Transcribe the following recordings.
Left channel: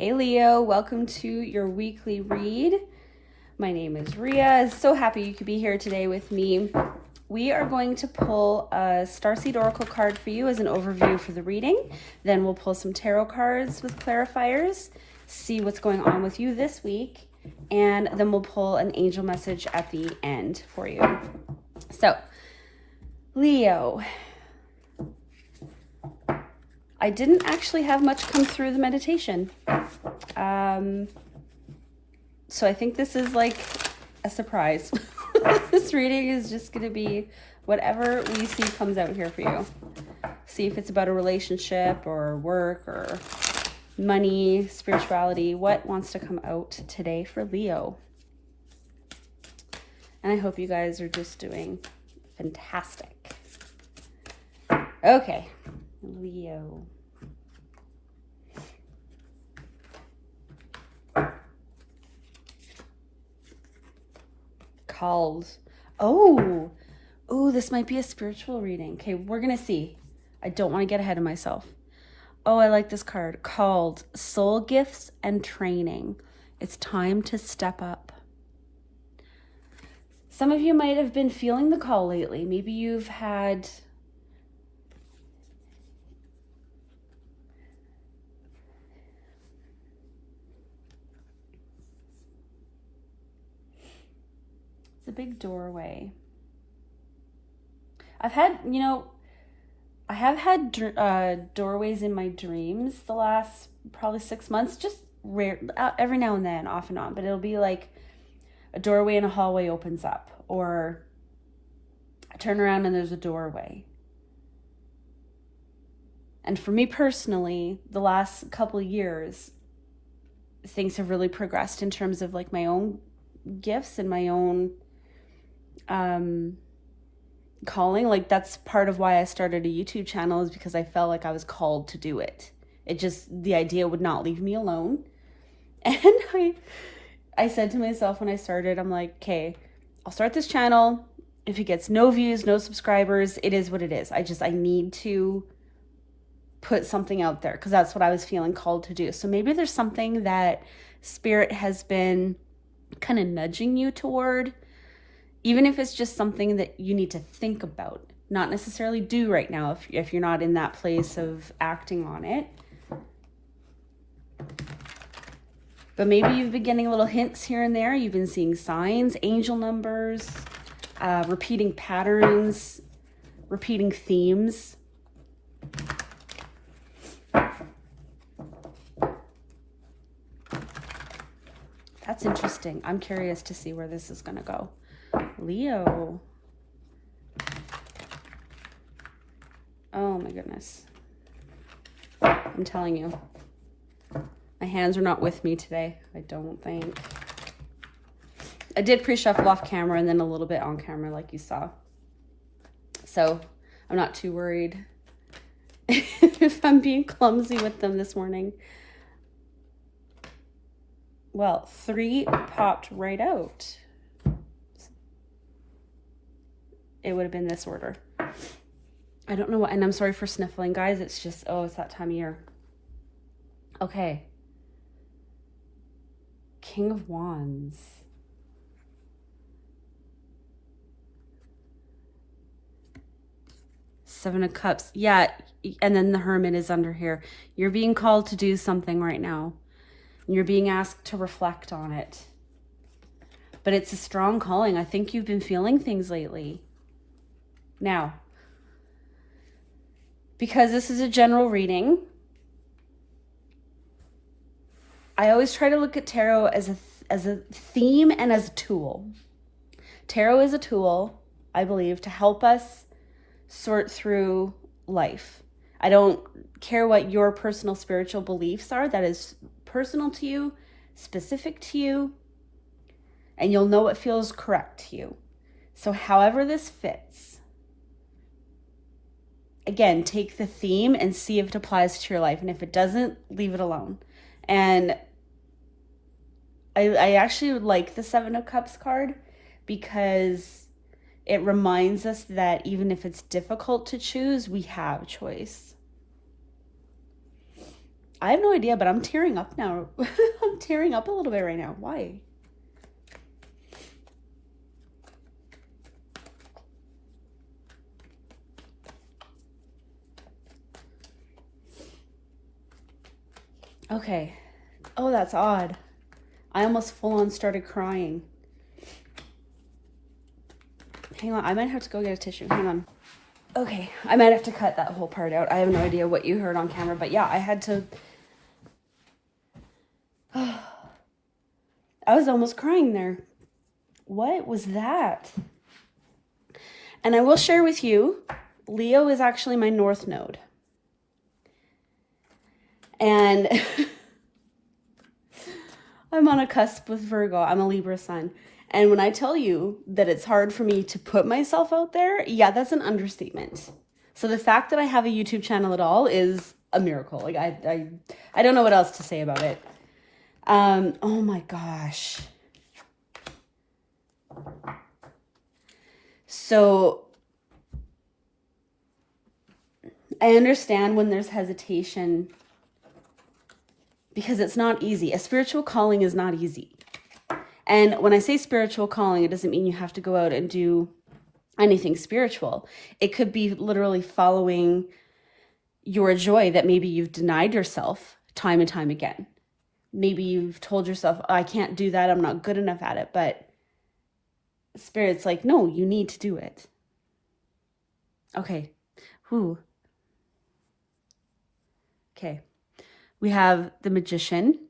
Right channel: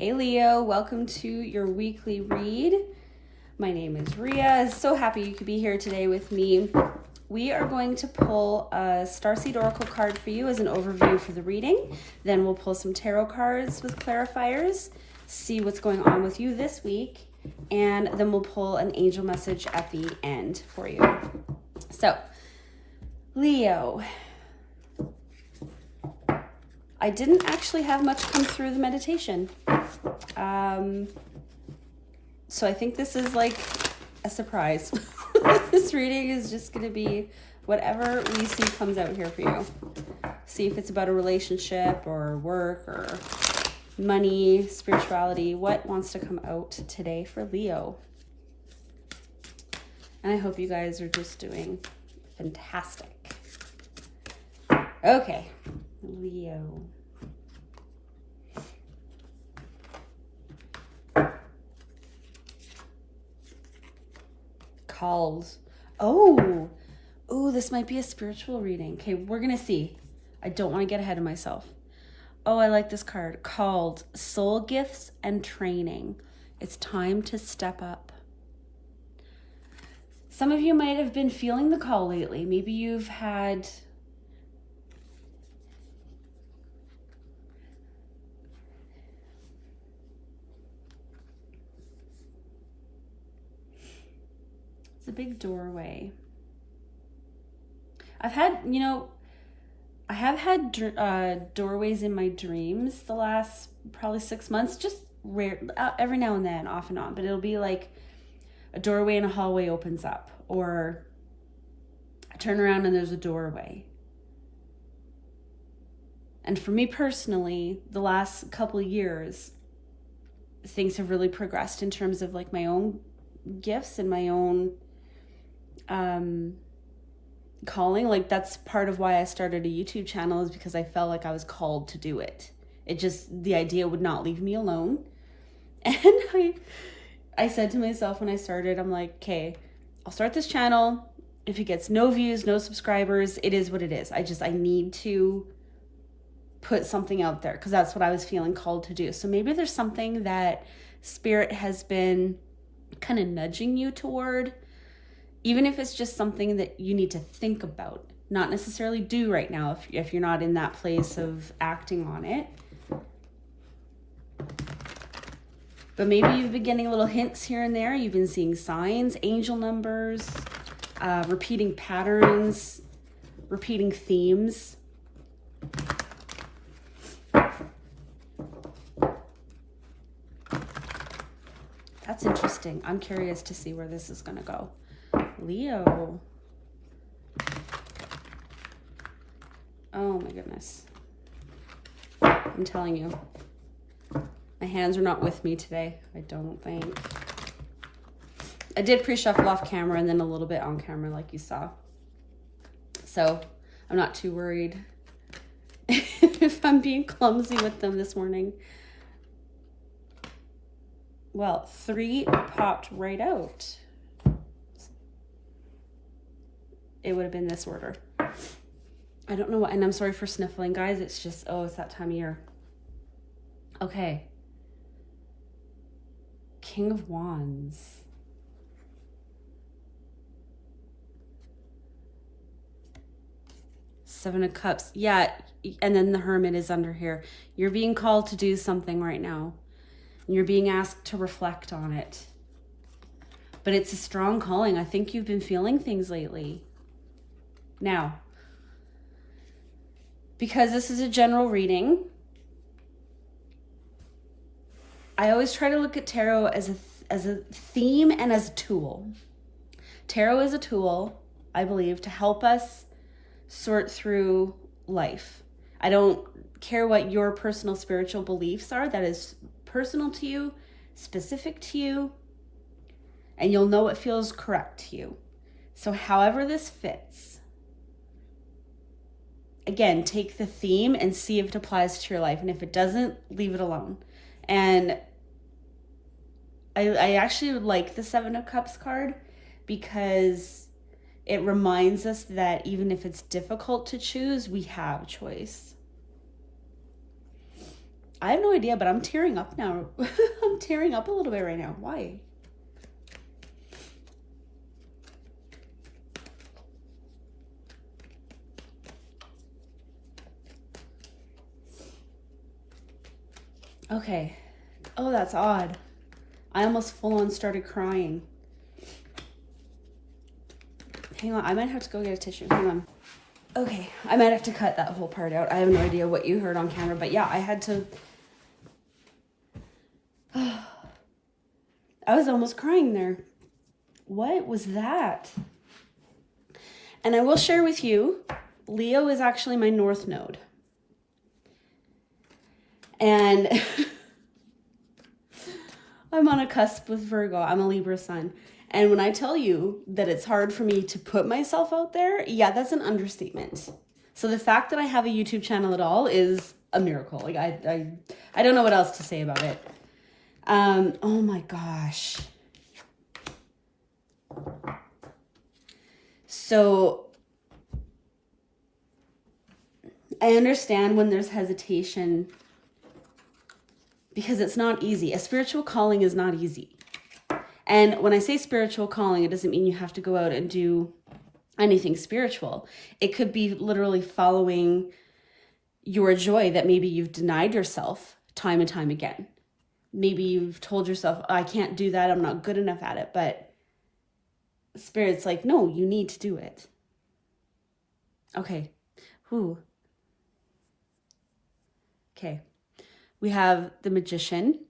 Hey Leo, welcome to your weekly read. My name is Ria. So happy you could be here today with me. We are going to pull a Starseed Oracle card for you as an overview for the reading. Then we'll pull some tarot cards with clarifiers, see what's going on with you this week, and then we'll pull an angel message at the end for you. So, Leo, I didn't actually have much come through the meditation. So I think this is like a surprise. This reading is just going to be whatever we see comes out here for you. See if it's about a relationship or work or money, spirituality. What wants to come out today for Leo? And I hope you guys are just doing fantastic. Okay, Leo. Calls. Oh, this might be a spiritual reading. Okay, we're gonna see. I don't want to get ahead of myself. Oh, I like this card. Called Soul Gifts and Training. It's time to step up. Some of you might have been feeling the call lately. Maybe you've had a big doorway. I have had doorways in my dreams the last probably 6 months, just rare, every now and then, off and on, but it'll be like a doorway in a hallway opens up, or I turn around and there's a doorway. And for me personally, the last couple of years, things have really progressed in terms of like my own gifts and my own calling. Like that's part of why I started a YouTube channel, is because I felt like I was called to do it. The idea would not leave me alone. And I said to myself when I started, I'm like, okay, I'll start this channel. If it gets no views, no subscribers, it is what it is. I need to put something out there, because that's what I was feeling called to do. So maybe there's something that Spirit has been kind of nudging you toward, even if it's just something that you need to think about, not necessarily do right now if you're not in that place of acting on it. But maybe you've been getting little hints here and there. You've been seeing signs, angel numbers, repeating patterns, repeating themes. That's interesting. I'm curious to see where this is going to go. Leo. Oh my goodness. I'm telling you. My hands are not with me today, I don't think. I did pre-shuffle off camera and then a little bit on camera like you saw. So I'm not too worried if I'm being clumsy with them this morning. Well, 3 popped right out. It would have been this order. I don't know what, and I'm sorry for sniffling, guys. It's just, it's that time of year. Okay. King of Wands. Seven of Cups. Yeah, and then the Hermit is under here. You're being called to do something right now. And you're being asked to reflect on it. But it's a strong calling. I think you've been feeling things lately. Now, because this is a general reading, I always try to look at tarot as a theme and as a tool. Tarot is a tool, I believe, to help us sort through life. I don't care what your personal spiritual beliefs are. That is personal to you, specific to you, and you'll know what feels correct to you. So however this fits, again, take the theme and see if it applies to your life. And if it doesn't, leave it alone. And I actually would like the 7 of Cups card, because it reminds us that even if it's difficult to choose, we have choice. I have no idea, but I'm tearing up now. I'm tearing up a little bit right now. Why? Okay. Oh, that's odd. I almost full on started crying. Hang on, I might have to go get a tissue. Hang on. Okay, I might have to cut that whole part out. I have no idea what you heard on camera, but yeah, I had to... I was almost crying there. What was that? And I will share with you, Leo is actually my North Node. And I'm on a cusp with Virgo. I'm a Libra sun. And when I tell you that it's hard for me to put myself out there, yeah, that's an understatement. So the fact that I have a YouTube channel at all is a miracle. Like I don't know what else to say about it. Oh my gosh. So I understand when there's hesitation because it's not easy. A spiritual calling is not easy. And when I say spiritual calling, it doesn't mean you have to go out and do anything spiritual. It could be literally following your joy that maybe you've denied yourself time and time again. Maybe you've told yourself, oh, I can't do that, I'm not good enough at it. But Spirit's like, no, you need to do it. Okay. Okay. We have the Magician.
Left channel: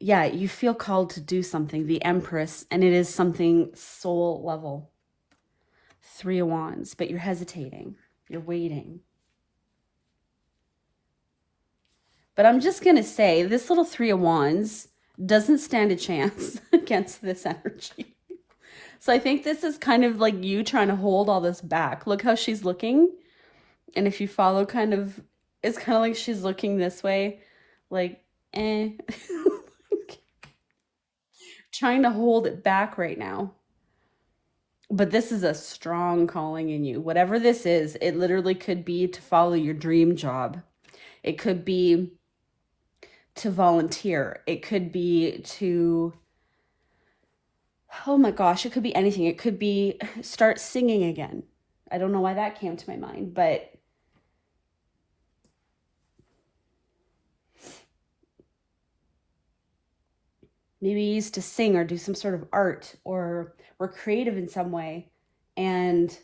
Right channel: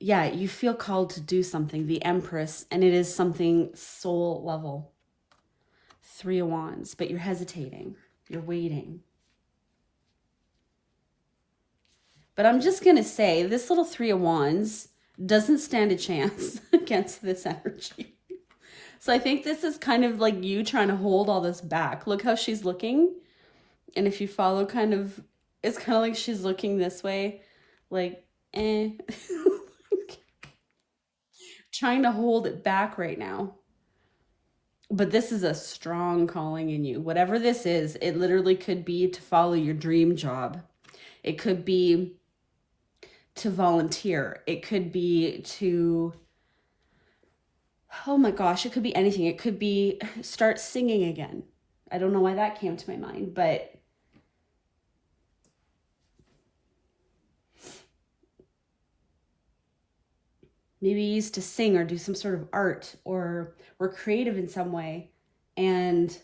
Yeah, you feel called to do something, the Empress, and it is something soul level. 3 of Wands, but you're hesitating. You're waiting. But I'm just going to say, this little 3 of Wands doesn't stand a chance against this energy. So I think this is kind of like you trying to hold all this back. Look how she's looking. And if you follow kind of, it's kind of like she's looking this way, like, trying to hold it back right now. But this is a strong calling in you. Whatever this is, it literally could be to follow your dream job. It could be to volunteer. It could be to, oh my gosh, it could be anything. It could be start singing again. I don't know why that came to my mind, but maybe you used to sing or do some sort of art or were creative in some way. And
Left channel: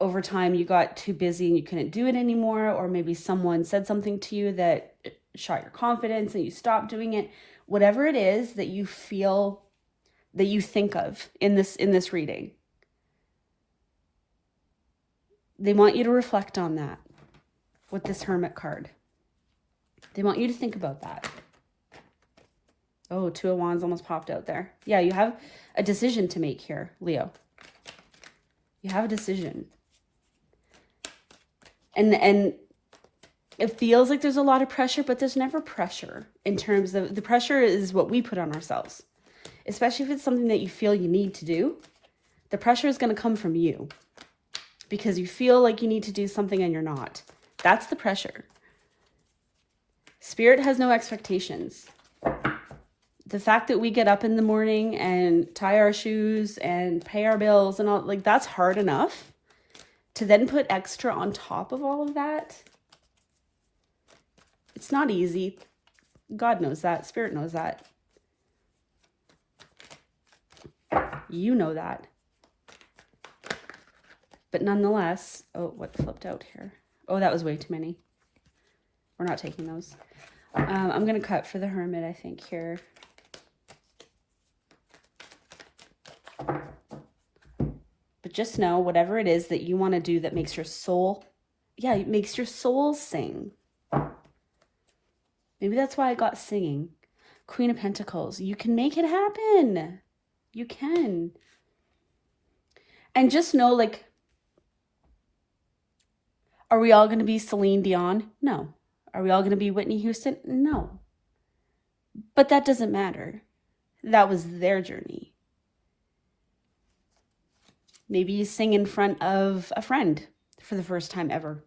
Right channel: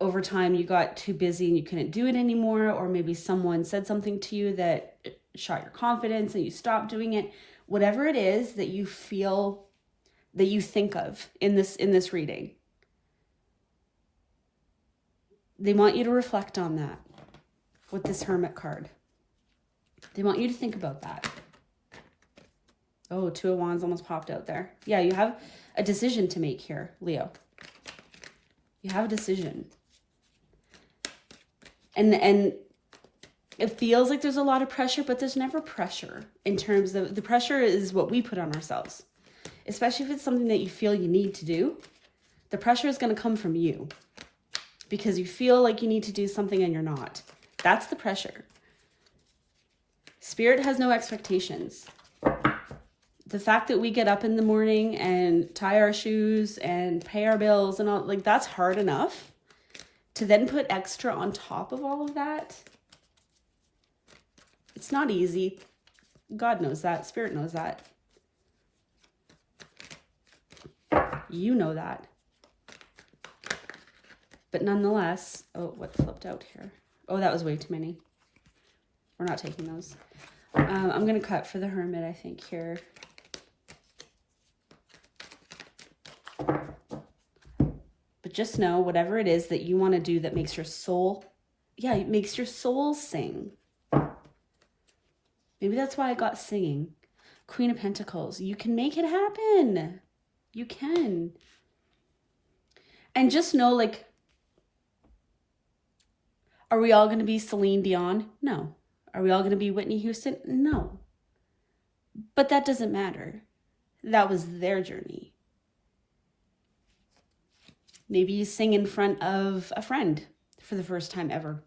over time you got too busy and you couldn't do it anymore. Or maybe someone said something to you that shot your confidence and you stopped doing it. Whatever it is that you feel, that you think of in this reading, they want you to reflect on that with this Hermit card. They want you to think about that. Oh, 2 of Wands almost popped out there. Yeah, you have a decision to make here, Leo. You have a decision. And it feels like there's a lot of pressure, but there's never pressure in terms of, the pressure is what we put on ourselves. Especially if it's something that you feel you need to do. The pressure is going to come from you because you feel like you need to do something and you're not. That's the pressure. Spirit has no expectations. The fact that we get up in the morning and tie our shoes and pay our bills and all, like, that's hard enough. To then put extra on top of all of that, it's not easy. God knows that. Spirit knows that. You know that. But nonetheless, oh, what flipped out here? Oh, that was way too many. We're not taking those. I'm going to cut for the Hermit, I think, here. But just know, whatever it is that you want to do that makes your soul, yeah, it makes your soul sing. Maybe that's why I got singing. Queen of Pentacles. You can make it happen. You can. And just know, like, are we all going to be Celine Dion? No. Are we all going to be Whitney Houston? No. But that doesn't matter. That was their journey. Maybe you sing in front of a friend for the first time ever.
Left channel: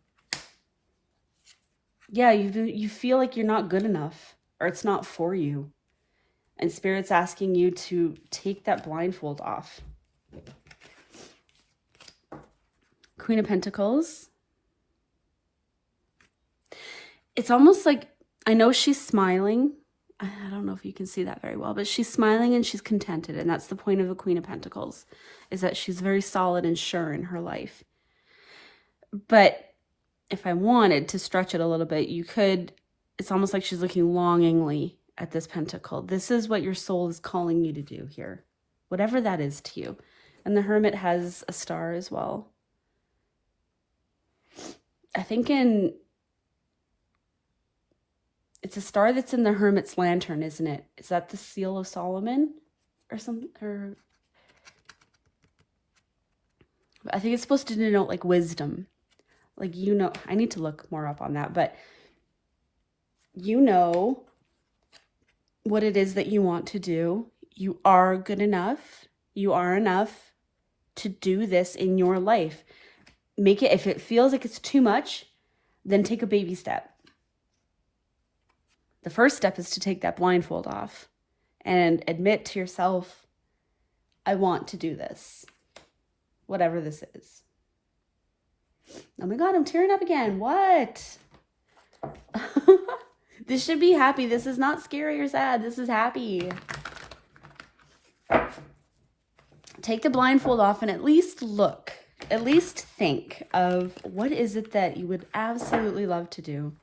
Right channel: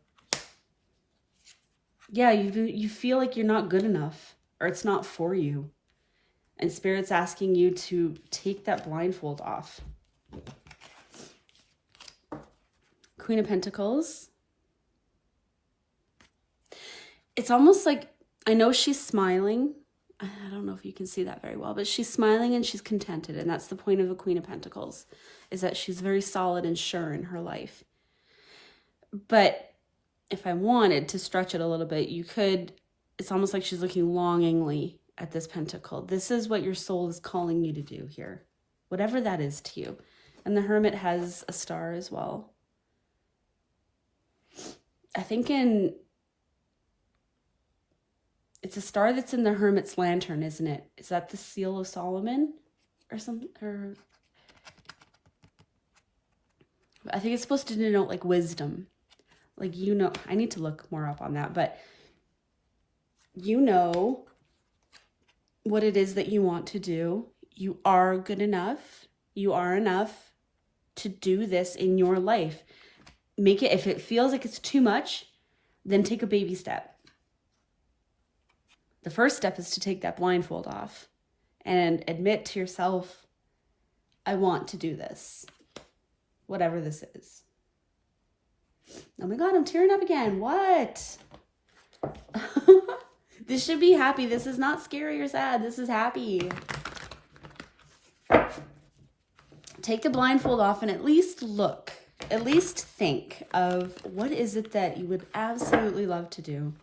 Yeah, you feel like you're not good enough, or it's not for you. And Spirit's asking you to take that blindfold off. Queen of Pentacles. It's almost like, I know she's smiling. I don't know if you can see that very well, but she's smiling and she's contented. And that's the point of the Queen of Pentacles, is that she's very solid and sure in her life. But if I wanted to stretch it a little bit, you could, it's almost like she's looking longingly at this pentacle. This is what your soul is calling you to do here, whatever that is to you. And the Hermit has a star as well. I think it's a star that's in the Hermit's lantern, isn't it? Is that the Seal of Solomon or something? Or I think it's supposed to denote like wisdom. Like, you know, I need to look more up on that, but you know what it is that you want to do. You are good enough. You are enough to do this in your life. Make it, if it feels like it's too much, then take a baby step. The first step is to take that blindfold off and admit to yourself, I want to do this, whatever this is. Oh my God, I'm tearing up again. What? This should be happy. This is not scary or sad. This is happy. Take the blindfold off and at least look, at least think of what is it that you would absolutely love to do.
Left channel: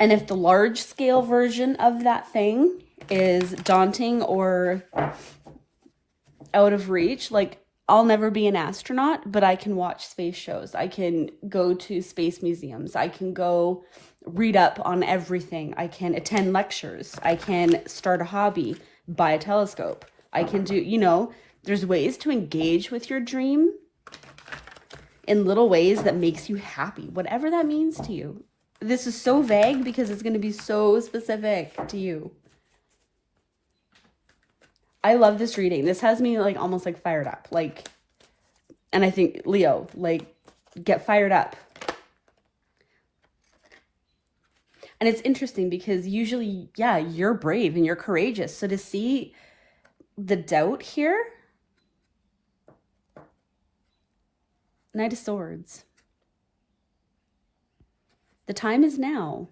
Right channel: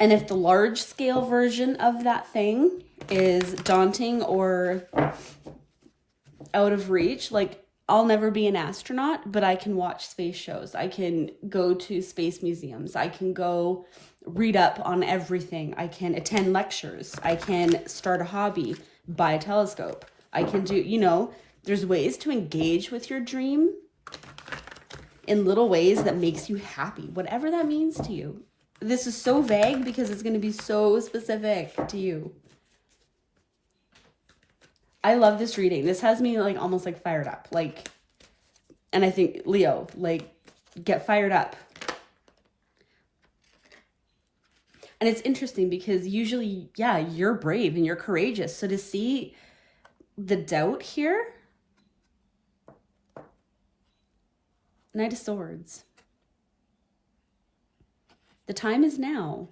And if the large scale version of that thing is daunting or out of reach, like, I'll never be an astronaut, but I can watch space shows. I can go to space museums. I can go read up on everything. I can attend lectures. I can start a hobby, buy a telescope. I can do, you know, there's ways to engage with your dream in little ways that makes you happy, whatever that means to you. This is so vague because it's going to be so specific to you. I love this reading. This has me like almost like fired up. Like, and I think Leo, like, get fired up. And it's interesting because usually, yeah, you're brave and you're courageous. So to see the doubt here, Knight of Swords. The time is now.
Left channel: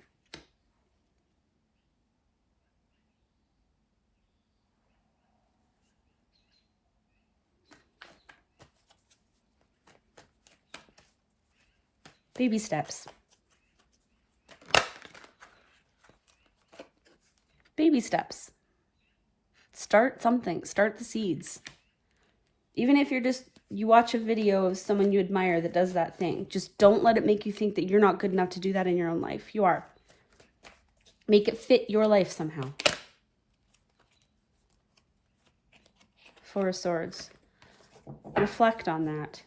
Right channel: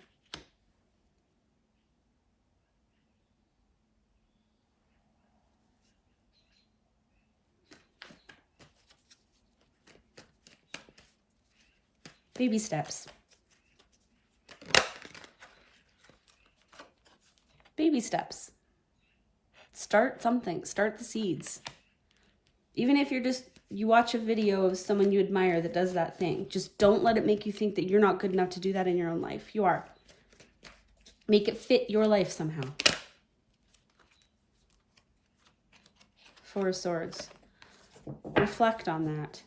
Baby steps. Baby steps. Start something. Start the seeds. Even if you watch a video of someone you admire that does that thing, just don't let it make you think that you're not good enough to do that in your own life. You are. Make it fit your life somehow. Four of Swords. Reflect on that.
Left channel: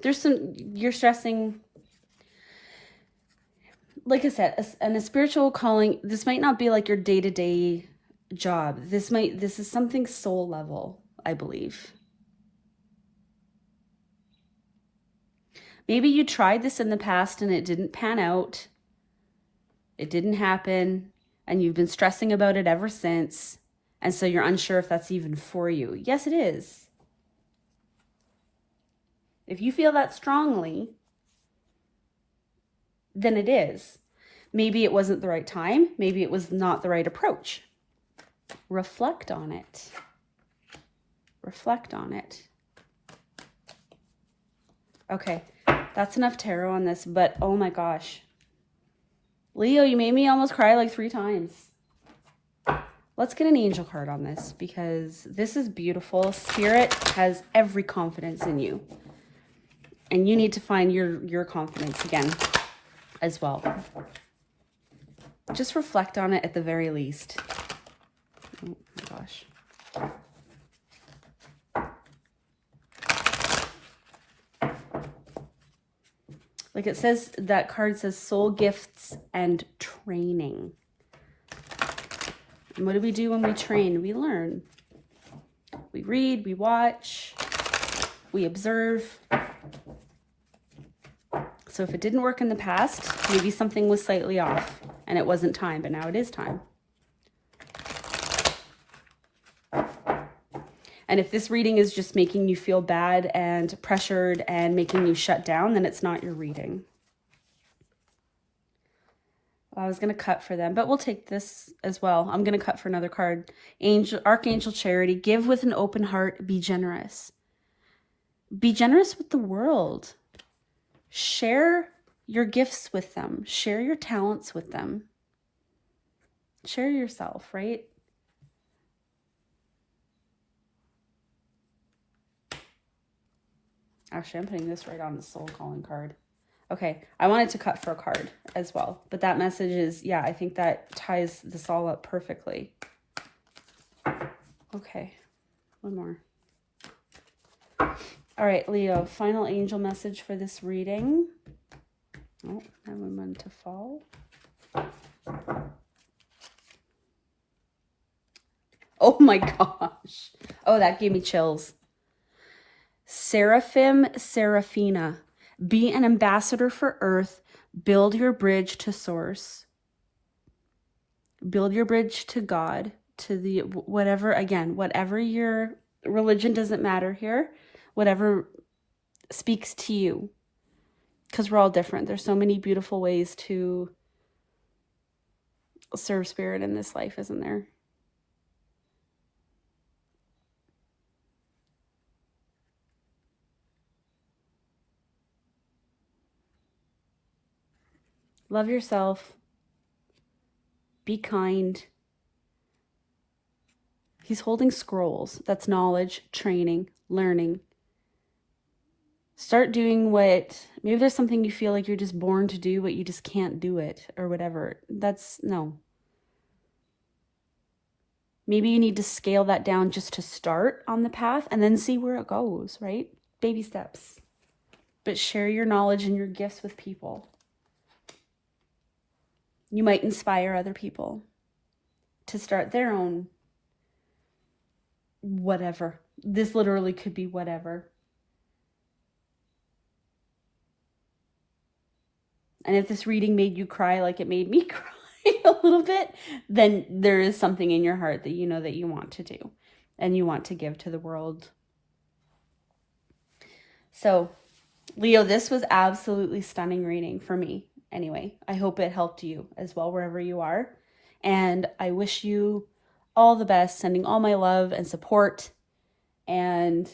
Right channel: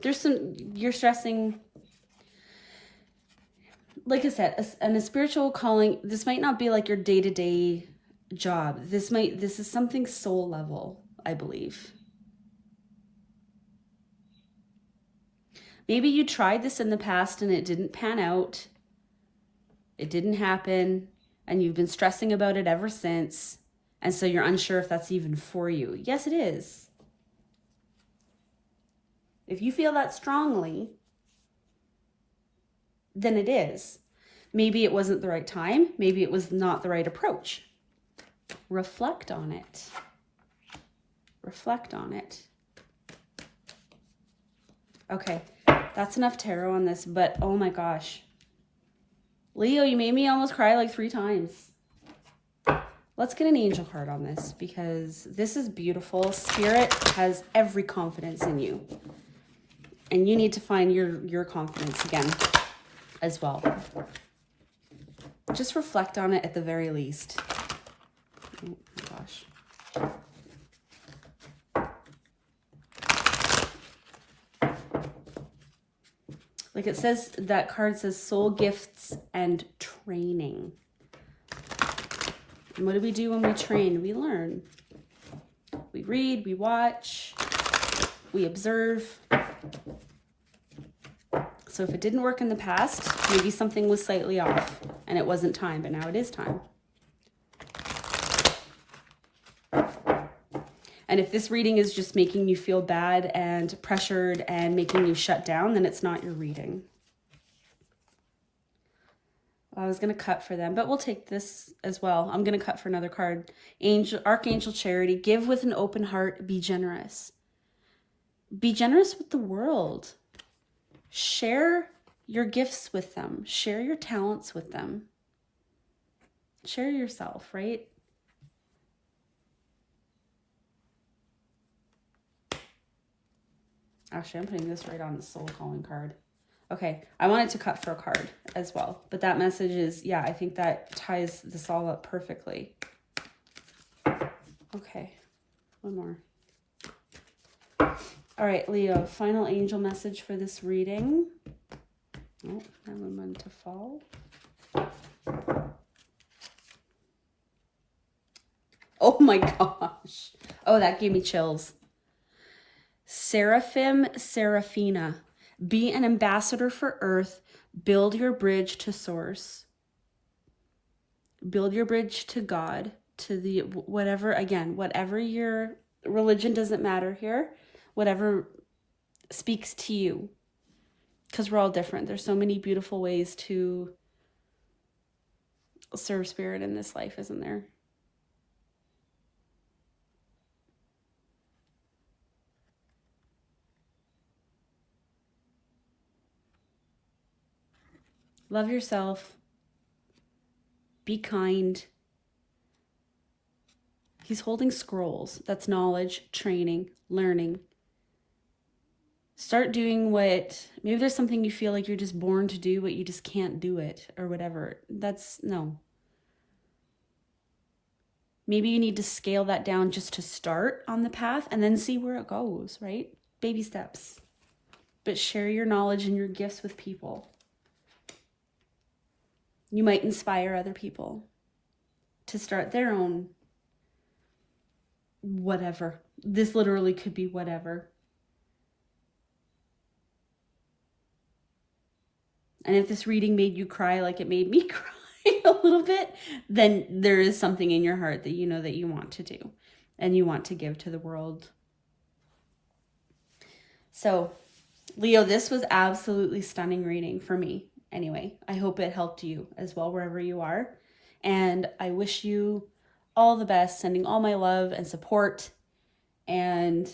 There's you're stressing, like I said, a spiritual calling. This might not be like your day-to-day job. This is something soul level, I believe. Maybe you tried this in the past and it didn't pan out. It didn't happen, and you've been stressing about it ever since. And so you're unsure if that's even for you. Yes, it is. If you feel that strongly, then it is. Maybe it wasn't the right time. Maybe it was not the right approach. Reflect on it. Reflect on it. Okay, that's enough tarot on this, but oh my gosh. Leo, you made me almost cry like 3 times. Let's get an angel card on this because this is beautiful. Spirit has every confidence in you. And you need to find your confidence again as well. Just reflect on it at the very least. Oh my gosh. Like it says, that card says soul gifts and training. And what do we do when we train? We learn. We read, we watch, we observe. So if it didn't work in the past, maybe something was slightly off and it wasn't time, but now it is time. And if this reading is just making you feel bad and pressured and making you shut down, then it's not your reading. I was going to cut for them, but we'll take this as well. I'm going to cut for another card. Archangel Charity, give with an open heart, be generous. Be generous with the world. Share your gifts with them. Share your talents with them. Share yourself, right? Actually, I'm putting this right on the soul calling card. Okay, I wanted to cut for a card as well, but that message is, yeah, I think that ties this all up perfectly. Okay, one more. All right, Leo, final angel message for this reading. Oh, I want one to fall. Oh my gosh. Oh, that gave me chills. Seraphim, Seraphina, be an ambassador for Earth. Build your bridge to Source. Build your bridge to God, to the whatever, again, whatever your religion, doesn't matter here, whatever speaks to you, because we're all different. There's so many beautiful ways to serve spirit in this life, isn't there? Love yourself. Be kind. He's holding scrolls. That's knowledge, training, learning. Start doing what, maybe there's something you feel like you're just born to do, but you just can't do it or whatever. No. Maybe you need to scale that down just to start on the path and then see where it goes, right? Baby steps. But share your knowledge and your gifts with people. You might inspire other people to start their own whatever. This literally could be whatever. And if this reading made you cry like it made me cry a little bit, then there is something in your heart that you know that you want to do and you want to give to the world. So, Leo, this was absolutely stunning reading for me. Anyway, I hope it helped you as well, wherever you are. And I wish you all the best, sending all my love and support. And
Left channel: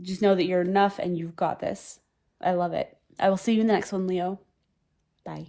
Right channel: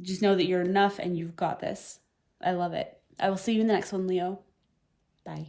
just know that you're enough and you've got this. I love it. I will see you in the next one, Leo. Bye.